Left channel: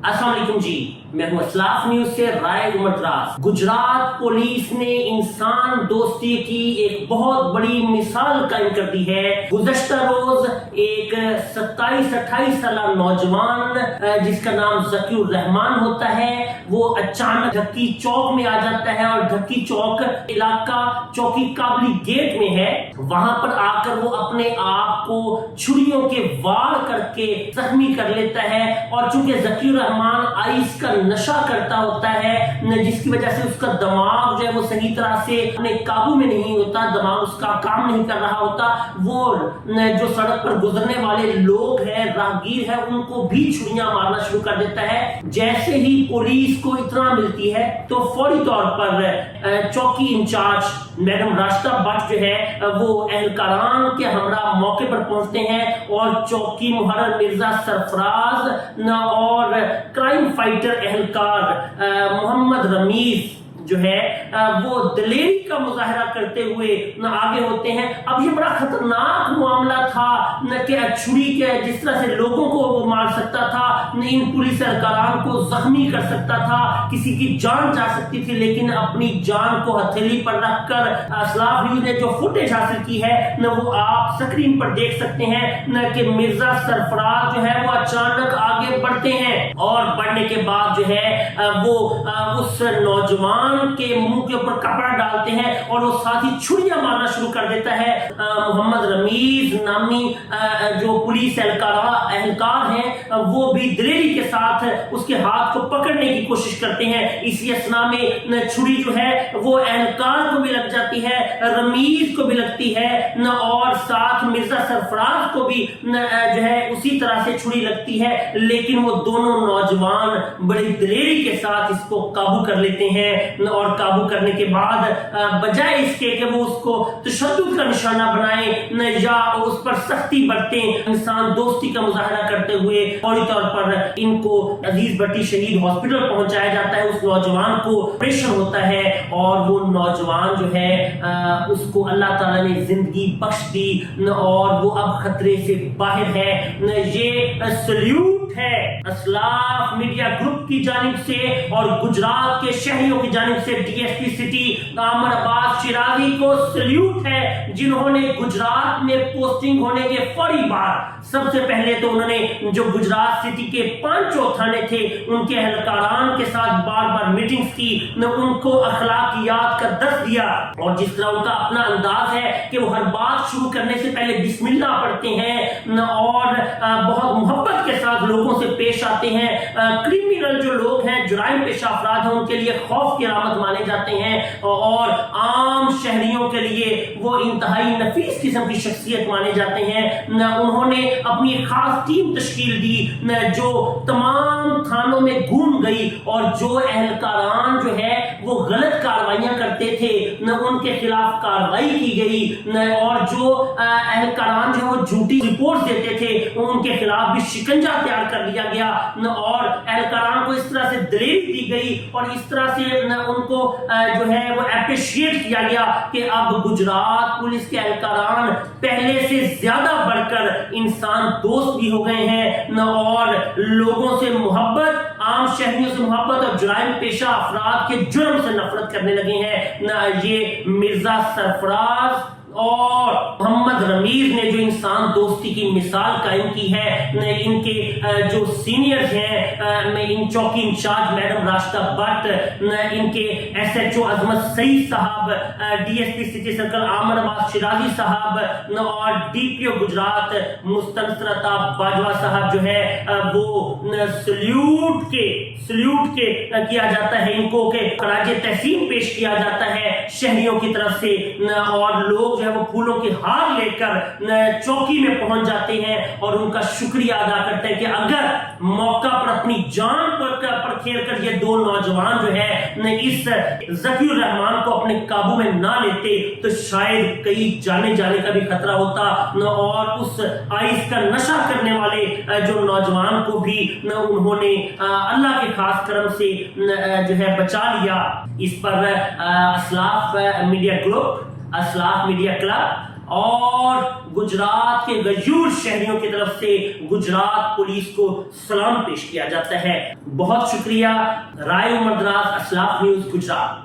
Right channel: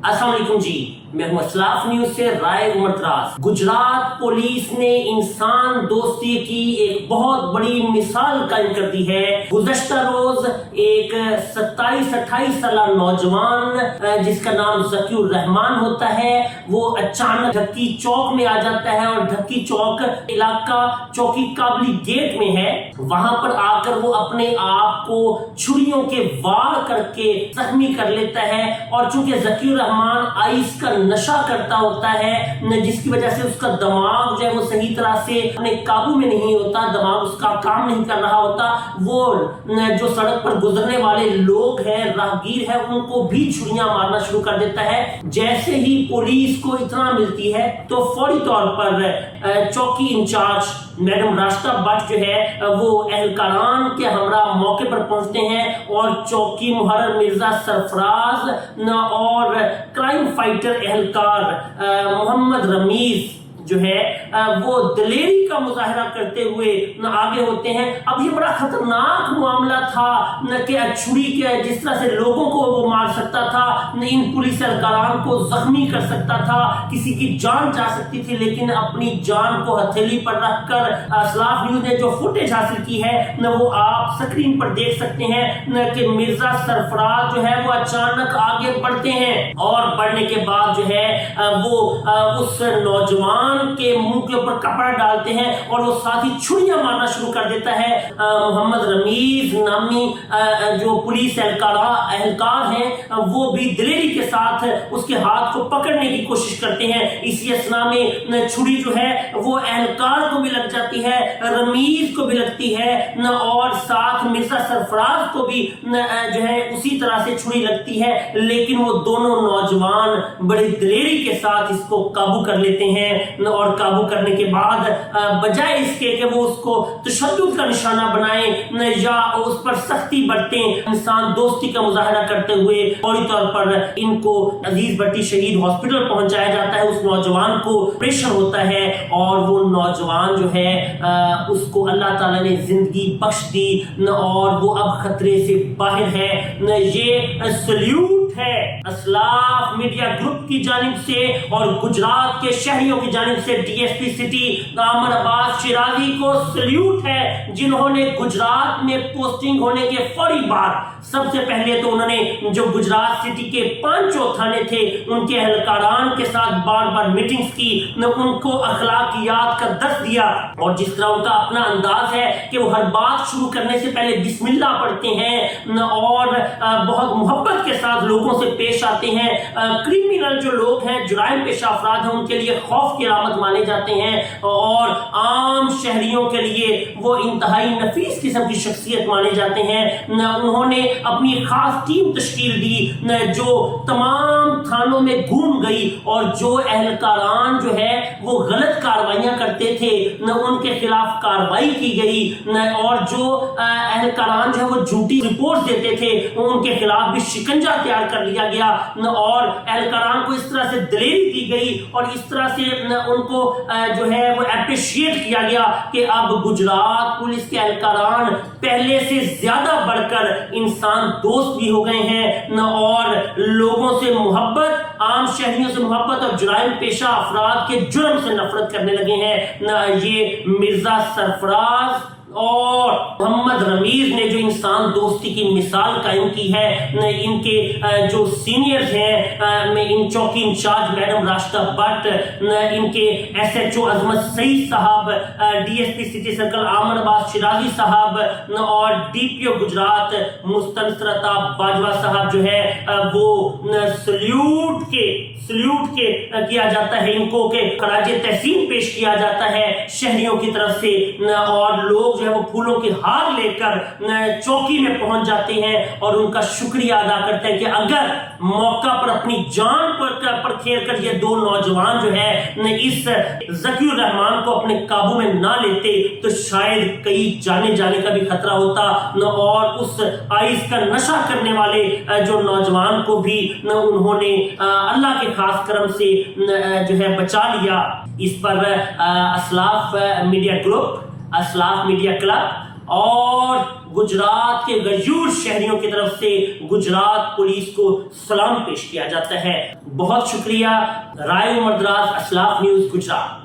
अस्सलाम वालेकुम जी, मैं हूं असलाफ न्यूज से राय उमर दराज। गुजरात पुलिस ने इंसान दोस्ती की एक बहुत बड़ी मिसाल कायम कर दी है। गुज़श्ता रोज एक 27-28 साल नौजवान जिसका नाम ज़कीउर रहमान होता है, वो अचानक ढक्की चौक में आ जाता है और ढक्की चौक इलाका चौकी काबली गेट में है। वहां पर आकर वो अपने आप को छुरियों के वार करके जख्मी कर लेता है और चूंकि ज़कीउर रहमान आइस का नशा करता होता है, जिसकी वजह से उसका दिमाग जो है वो सही तरह से अपने काबू में नहीं होता, दिमाग उसका काम नहीं कर रहा होता। वो जो सड़क पर गुजरने वाले लोग हैं, राहगीर है, उनको भी छुरियां मारना शुरू कर देता है। जैसे ही पुलिस को इतना मिलती है तो फौरी तौर पर चौकी इंचार्ज मैडम रास्ता भट्ट जो है वो एहलकारान के हमरा मौके पर पहुंचते हैं और चौकी मुहर्रर मिर्जा सरफराज और क्राइम फाइटर एहलकार मोहम्मद रमीज जो है वो दलेरी का मुजाहरा करते हुए आगे होते हैं। अब ये बड़ा खतरनाक मामला था कि छुरी के जिस तरह से लोगों को वो मार सकता था, इन पुलिस एहलकारान को जख्मी कर सकता था, किसी की जान जा सकती थी, लेकिन अपनी जान को हथेली पर रखकर असलाफ न्यूज ने जो फुटेज हासिल की है न वो आप स्क्रीन पर देख सकते हैं न कि मिर्जा सरफराज जो है वो अचानक आगे बढ़ते हैं और बढ़ने के बाद जो है वो उस नौजवान के मुंह के ऊपर कपड़ा डालते हैं और वो साथ ही छुरियां मारना शुरू कर देता है। मोहम्मद रमीज नामी जो पुलिस एहलकार हैं वो भी दलेरी के साथ उसके हाथ को पकड़ने की कोशिश करते हैं। इसी असना में छुरी जो है वो एहलकार को भी लग जाती है, रमीज को भी लगती है न और साथ मिर्जा सरफराज को भी जो है उसी तरह से छुरी लगती है, लेकिन वो दोनों नौजवान बड़ी दलेरी के साथ इसको काबू कर लेते हैं और काबू करने के बाद बजाय इसके कि वो उसको तशद्दुद का निशाना बनाए या उस पर सख्ती बरतें, इंसान दोस्ती का मुजाहरा करते हुए फौरी तौर पर इनको अजीज भट्टी शहीद हॉस्पिटल पहुंचाया जाता है। उस नौजवान को ऑपरेशन होता है और वो नौजवान जो है उसको अल्लाह ताला ने जिंदगी बख्श दी और वो अब खतरे से बाहर है। ये सल्यूट है असलाफ मीडिया ग्रुप की जानिब से और गुजरात के शहरियों की जानिब से डीएसपी सिटी आमर अब्बास शिराजी को सल्यूट है, जिन्होंने गुजरात में पोस्टिंग होने के फौरी बाद सबसे पहले तो उन्होंने जो गुजरात सिटी के 5 थाने थे उनके एहलकारान के साथ बार बार मीटिंग्स की, उनको अखलाकियात का दर्स दिया और जिस तरह उनका अपना अंदाज है कि वो हर बात शुरू करने से पहले बिस्मिल्लाह पढ़ते हैं और बहुत मोहब्बत के साथ लोगों से पेश आते हैं। क्रिमिनल जो लोग हैं, जुराइम पेशा अफराद हैं, उनके लिए खौफ की अलामत माने जाते हैं और आम शहरियों के लिए वो इंतहाई नफीस किस्म की शख्सियत माने जाते हैं। उन्होंने अपनी खास टीम तश्कील दी जो तमाम थानों में घूम गई और जो एहलकारान जो है वो गलत कार्रवाइयां करते थे न उनके खिलाफ कार्रवाई की गई और जो एहलकारान जो है वो झूठी रिपोर्ट देते थे उनके खिलाफ भी शिकंजा तैयार कर लिया गया और एहलकारान को इस तरह से दलेरी दी गई और इस तरह से उनको जो है वो अप्रिशिएट किया गया कि अब गुजरात पुलिस के एहलकारान पहले से ज्यादा बढ़कर इंसान दोस्त भी हो गए हैं न और लोगों से मोहब्बत, आम शहरियों से मोहब्बत और जुराइम पेशा अफराद के जुर्म से नफरत करने लगे हैं। न ये मिर्जा सरफराज और मोहम्मद रमीज ने जो इंसान दोस्ती की मिसाल कायम की है, इनके जो सीनियर्स हैं, मैं इन चौकी इंचार्ज मैडम रास्ता भट्ट, इनके एसएचओ अजमत सईद साहब, डीएसपी सिटी सर्कल आमर अब्बास शिराजी साहब और डीपीओ गुजरात मुस्तनसरता बाजवा साहब जो है वो सल्यूट के किया जाता है, इनको के खराजे तहसीन पेश किया जाता है शहरियों की तरफ से और लोग जो है वो फूलों के हार लेकर चौकी में पहुंच जाते हैं और उनका शुक्रिया अदा करते हैं कि अगर मौका पर अपनी जान पर खेल कर ये दो नौजवान जो है इस ज़कीउर रहमान को अपने काबू में ना लेते तो शायद कई जाने का भी खतरा होता और उस आइस का नशा करने वाले जो नौजवान को भी उन्होंने अल्लाह के खास करम से जो है बचा लिया। इस पर असलाफ मीडिया ग्रुप, असलाफ मीडिया क्लब اور گجرات کے غیور شہریوں کی طرف سے گجرات پولیس کو سلام پیش کیا جاتا ہے۔ بہت شکریہ۔ رائے عمر دراز، اسلاف نیوز، گجرات۔